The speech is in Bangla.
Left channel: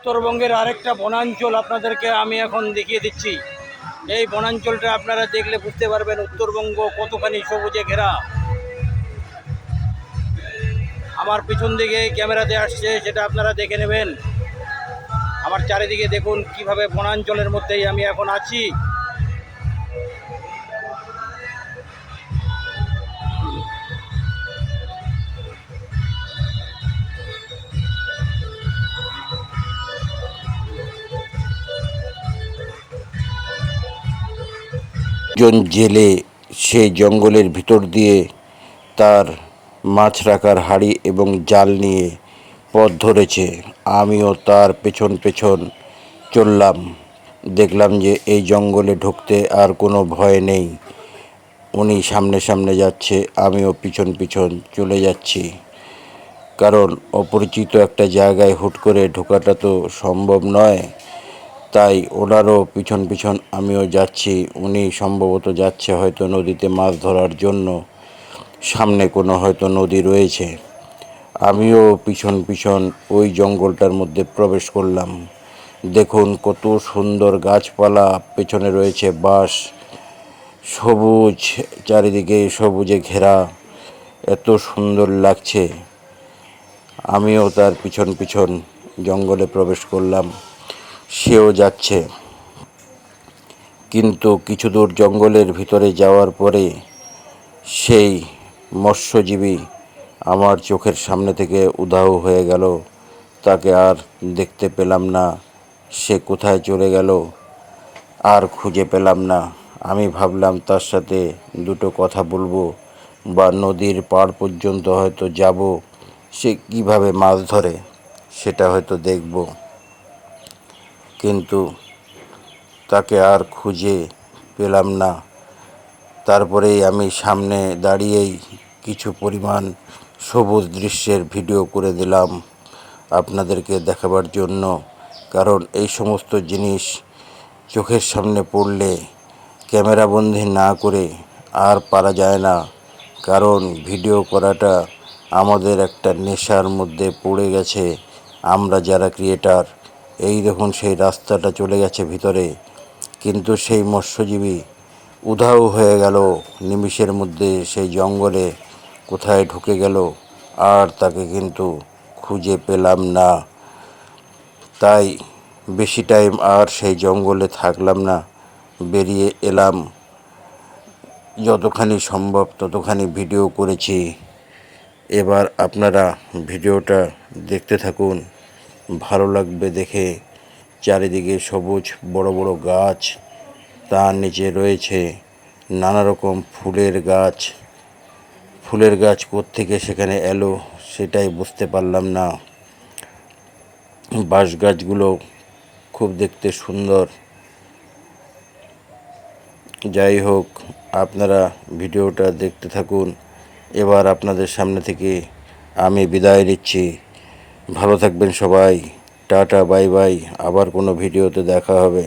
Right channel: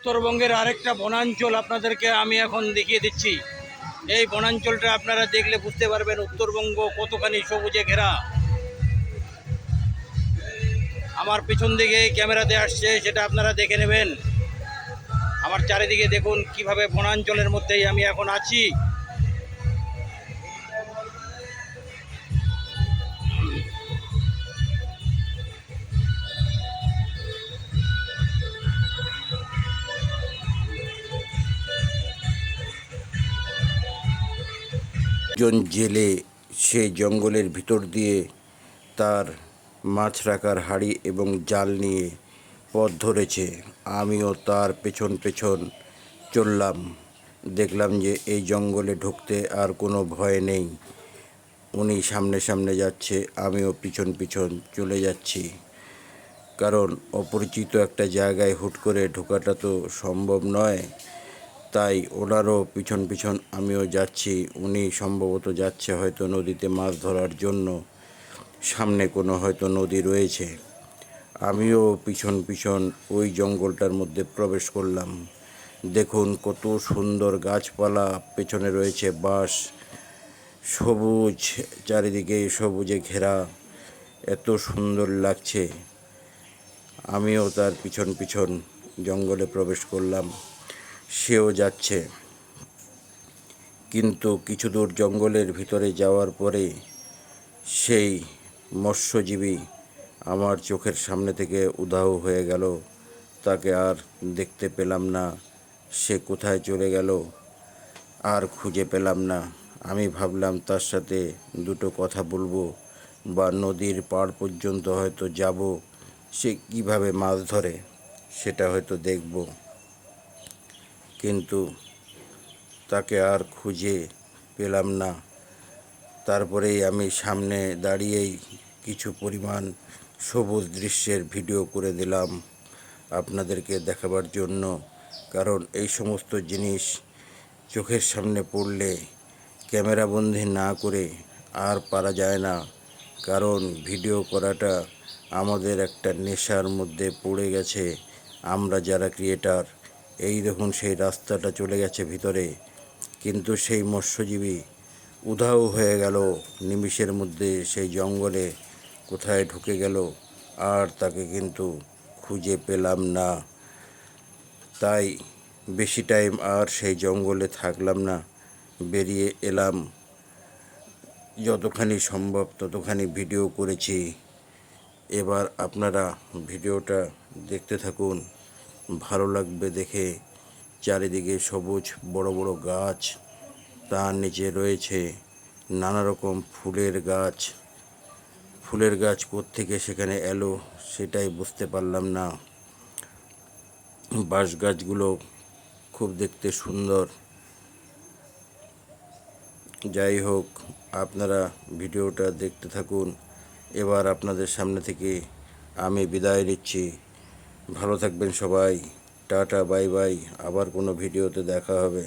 উত্তরবঙ্গের আরেকটা বনাঞ্চল আপনাদেরকে আমি এখন দেখিয়ে দিচ্ছি। এই বনাঞ্চলটা আপনারা দেখলে বুঝতে পারবেন উত্তরবঙ্গ কতখানি সবুজে ঘেরা। আমার পিছন দিকে ক্যামেরাতে আসছে, সেটা আপনারা দেখে নেবেন। আমার চারিদিকে দেখুন কিভাবে বনাঞ্চলের মধ্যেই আমি এখন আছি। একজন জেলে সেই জঙ্গলের ভিতর দিয়ে তার মাছ রাখার হাঁড়ি এবং জাল নিয়ে পথ ধরেছে। আমিও তার পেছন পেছন চললাম। দেখলাম যে এই জঙ্গলে ঢুকতে আর কোনো ভয় নেই। উনি সামনে সামনে যাচ্ছে, আমিও পিছন পিছন চলে যাচ্ছি। কারণ অপরিচিত একটা জায়গায় হুট করে ঢোকাটা তো সম্ভব নয়। তাই ওনারও পিছন পিছন আমিও যাচ্ছি। উনি সম্ভবত যাচ্ছে হয়তো নদীতে মাছ ধরার জন্য। সামনে কোনো হয়তো নদী রয়েছে। আমিও পিছন পিছন ওই জঙ্গলটার মধ্যে প্রবেশ করলাম। দেখুন কত সুন্দর গাছপালা, পেছনে রয়েছে বাঁশ, সবুজ, চারিদিকে সবুজে ঘেরা, এত সুন্দর লাগছে। আমিও তার পিছন পিছন জঙ্গলে প্রবেশ করলাম। সেও যাচ্ছে, কিন্তু কিছু দূর জঙ্গলের ভিতরে যাওয়ার পরে সেই মৎস্যজীবী আমার চোখের সামনে থেকে উধাও হয়ে গেল। তাকে আর দেখতে পেলাম না। সে কোথায় চলে গেল আর খুঁজে পেলাম না। আমি ভাবলাম তার সাথে দুটো কথা বলবো বা নদীর পাড় পর্যন্ত হয়তো যাব, সে কিভাবে মাছ ধরে সেটা হয়তো দেখব। কিন্তু তাকে আর খুঁজে পেলাম না। তারপরেই আমি সামনে দাঁড়িয়েই কিছু পরিমাণ সবুজ দৃশ্যের ভিডিও করে দিলাম আপনাদেরকে দেখাবার জন্য। কারণ এই সমস্ত জিনিস চোখের সামনে পড়লে ক্যামেরাবন্দি না করে আর পারা যায় না। কারণ ভিডিও করাটা আমাদের একটা নেশার মধ্যে পড়ে গেছে আমরা যারা ক্রিয়েটার। এই দেখুন সেই রাস্তাটা চলে গেছে ভিতরে, কিন্তু সেই মৎস্যজীবী উধাও হয়ে গেল নিমিষের মধ্যে সেই জঙ্গলে কোথায় ঢুকে গেল আর তাকে কিন্তু খুঁজে পেলাম না। তাই বেশি টাইম আর সেই জঙ্গলে থাকলাম না, বেরিয়ে এলাম। যতখানি সম্ভব ততখানি ভিডিও করেছি। এবার আপনারা ভিডিওটা দেখতে থাকুন, ভালো লাগবে দেখে। চারিদিকে সবুজ বড় বড় গাছ, তার নিচে রয়েছে নানা রকম ফুলের গাছ। ফুলের গাছ কোত্থেকে সেখানে এলো সেটাই বুঝতে পারলাম না। বাঁশ গাছগুলো খুব দেখতে সুন্দর। যাই হোক, আপনারা ভিডিওটা দেখতে থাকুন। এবার আপনাদের সামনে থেকে আমি বিদায় নিচ্ছি। ভালো থাকবেন সবাই। Tata, bye bye. আবার কোনো ভিডিওতে দেখা হবে।